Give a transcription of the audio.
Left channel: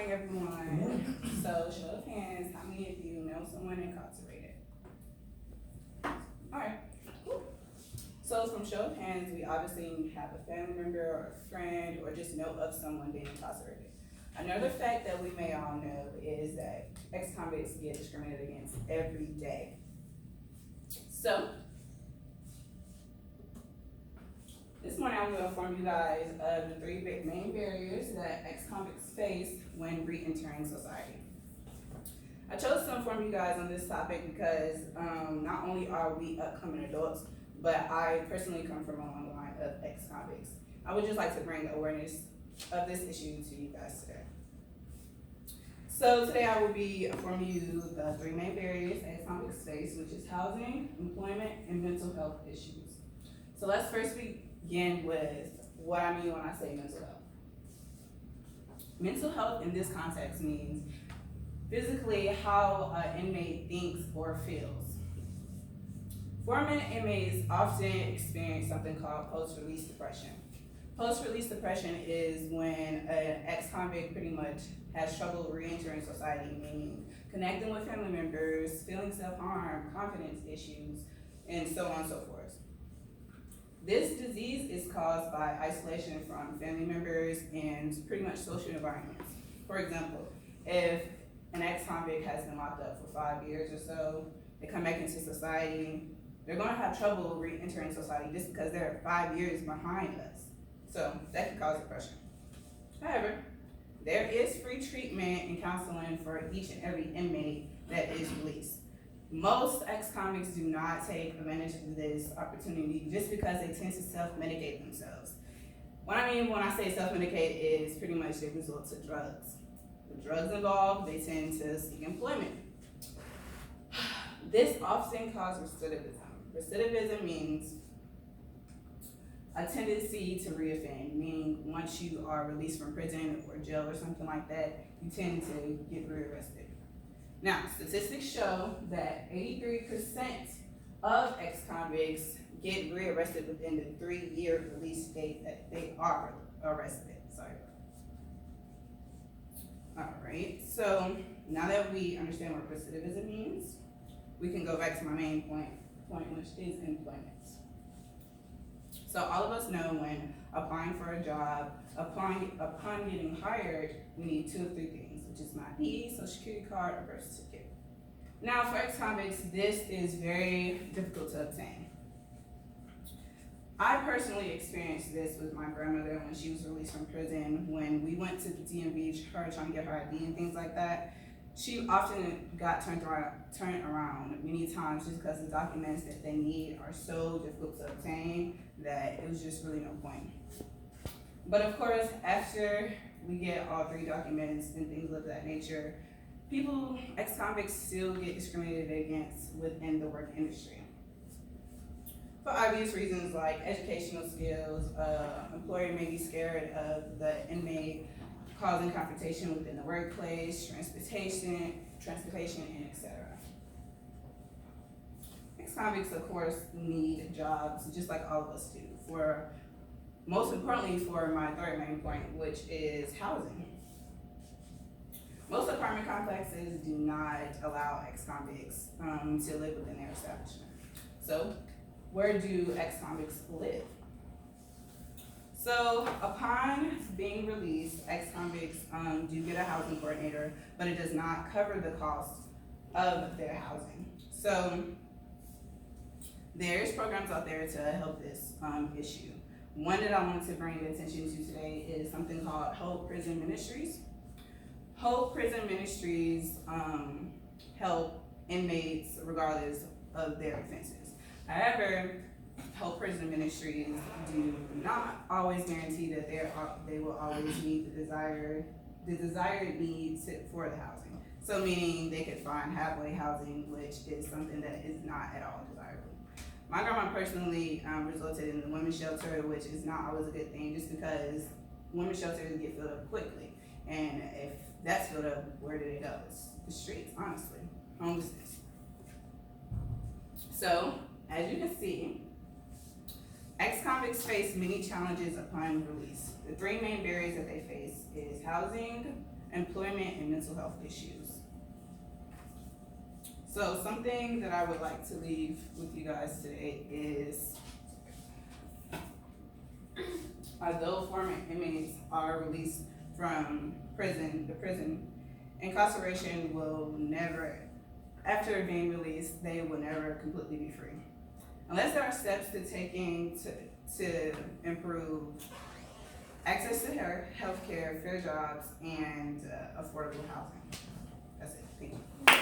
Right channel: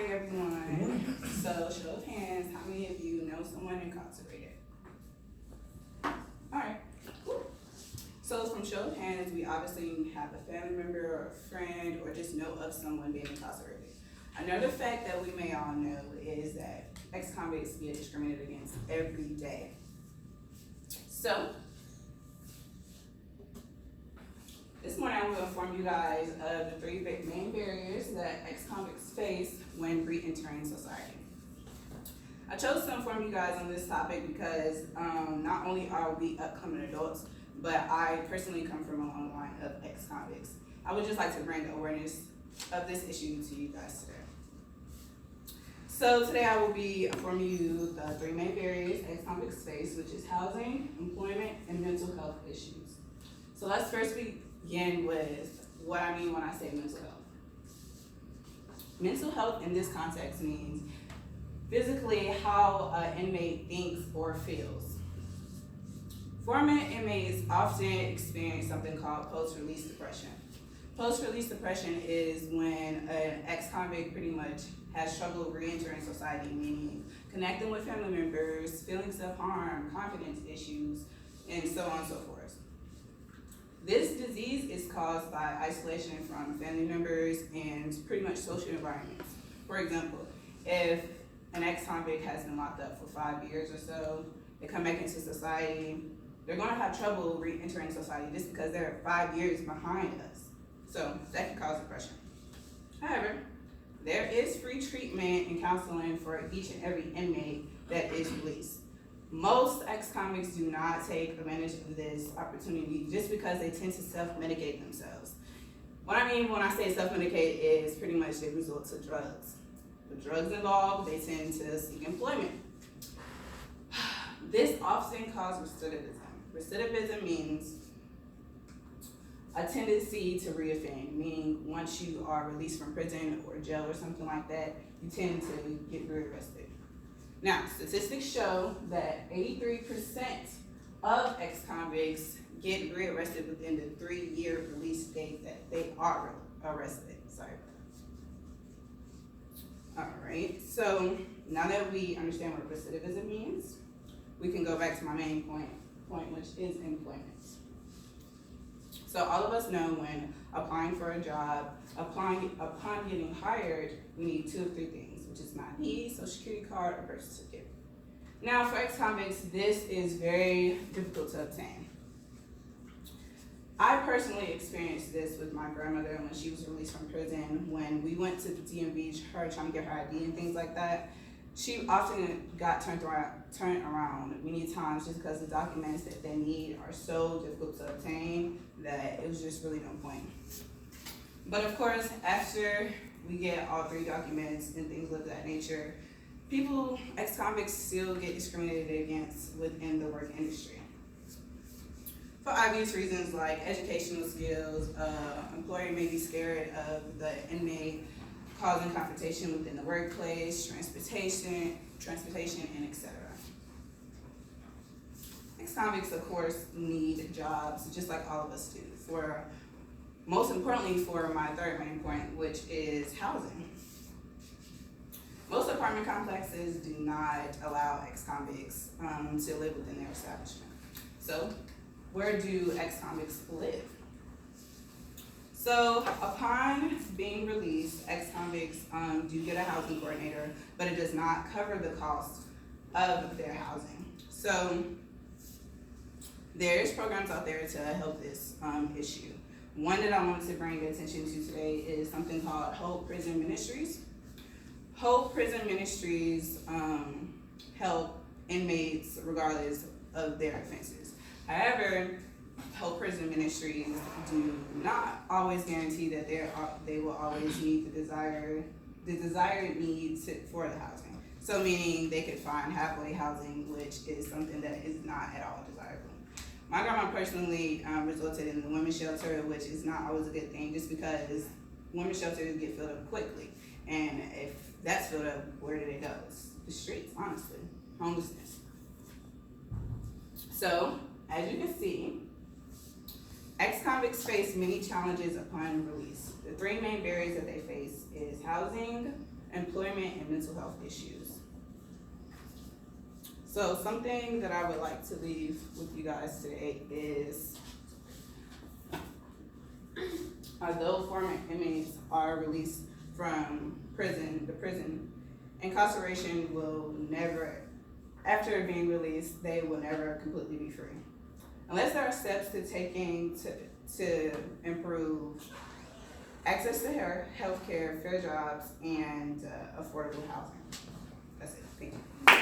morning, everyone. So, show of hands, how many of you know someone incarcerated? All right. Cool. So, from show of hands, we obviously have a family member or a friend or just know of someone being incarcerated. Another fact that we may all know is that ex-convicts get discriminated against every day. So, this morning I'm going to inform you guys of the three main barriers that ex-convicts face when re-entering society. I chose to inform you guys on this topic because not only are we upcoming adults, but I personally come from a long line of ex-convicts. I would just like to bring awareness of this issue to you guys today. So today I will be informing you the three main barriers ex-convicts face, which is housing, employment, and mental health issues. So let's first begin with what I mean when I say mental health. Mental health in this context means physically how an inmate thinks or feels. Former inmates often experience something called post-release depression. Post-release depression is when an ex-convict pretty much has struggled re-entering society, meaning connecting with family members, feeling self-harm, confidence issues, and so on and so forth. This disease is caused by isolation from family members and pretty much social environments. For example, if an ex-convict has been locked up for 5 years or so, they come back into society, they're gonna have trouble re-entering society just because they're 5 years behind us. So that can cause depression. However, there is free treatment and counseling for each and every inmate that is released. Most ex-convicts do not take advantage of this opportunity just because they tend to self-medicate themselves. What I mean when I say self-medicate is pretty much they resort to drugs. With drugs involved, they tend to seek employment. This often causes recidivism. Recidivism means a tendency to reoffend, meaning once you are released from prison or jail or something like that, you tend to get rearrested. Now, statistics show that 83% of ex-convicts get rearrested within the 3-year release date that they are arrested. All right, so now that we understand what recidivism means, we can go back to my main point which is employment. So all of us know when applying for a job, upon getting hired, we need 2 of 3 things, which is my ID, social security card, or birth certificate. Now for ex-convicts, this is very difficult to obtain. I personally experienced this with my grandmother when she was released from prison. When we went to the DMV, her trying to get her ID and things like that, she often got turned around many times just because the documents that they need are so difficult to obtain that it was just really no point. But of course, after we get all 3 documents and things of that nature, ex-convicts still get discriminated against within the work industry. For obvious reasons like educational skills, employer may be scared of the inmate causing confrontation within the workplace, transportation, and etc. Ex-convicts, of course, need jobs just like all of us do. Most importantly, for my third main point, which is housing. Most apartment complexes do not allow ex-convicts to live within their establishment. So, where do ex-convicts live? So, upon being released, ex-convicts do get a housing coordinator, but it does not cover the cost of their housing. So, there's programs out there to help this issue. One that I wanted to bring attention to today is something called Hope Prison Ministries. Hope Prison Ministries help inmates regardless of their offenses. However, Hope Prison Ministries do not always guarantee that they will always meet the desired needs for the housing. So meaning they could find halfway housing, which is something that is not at all desirable. My grandma personally resulted in the women's shelter, which is not always a good thing just because women's shelters get filled up quickly. And if that's filled up, where do they go? It's the streets, honestly, homelessness. So, as you can see, ex-convicts face many challenges upon release. The 3 main barriers that they face is housing, employment, and mental health issues. So something that I would like to leave with you guys today is, although former inmates are released from prison, the prison incarceration will never, after being released, they will never completely be free. Unless there are steps to taking to improve access to health care, fair jobs, and affordable housing. That's it. Thank you.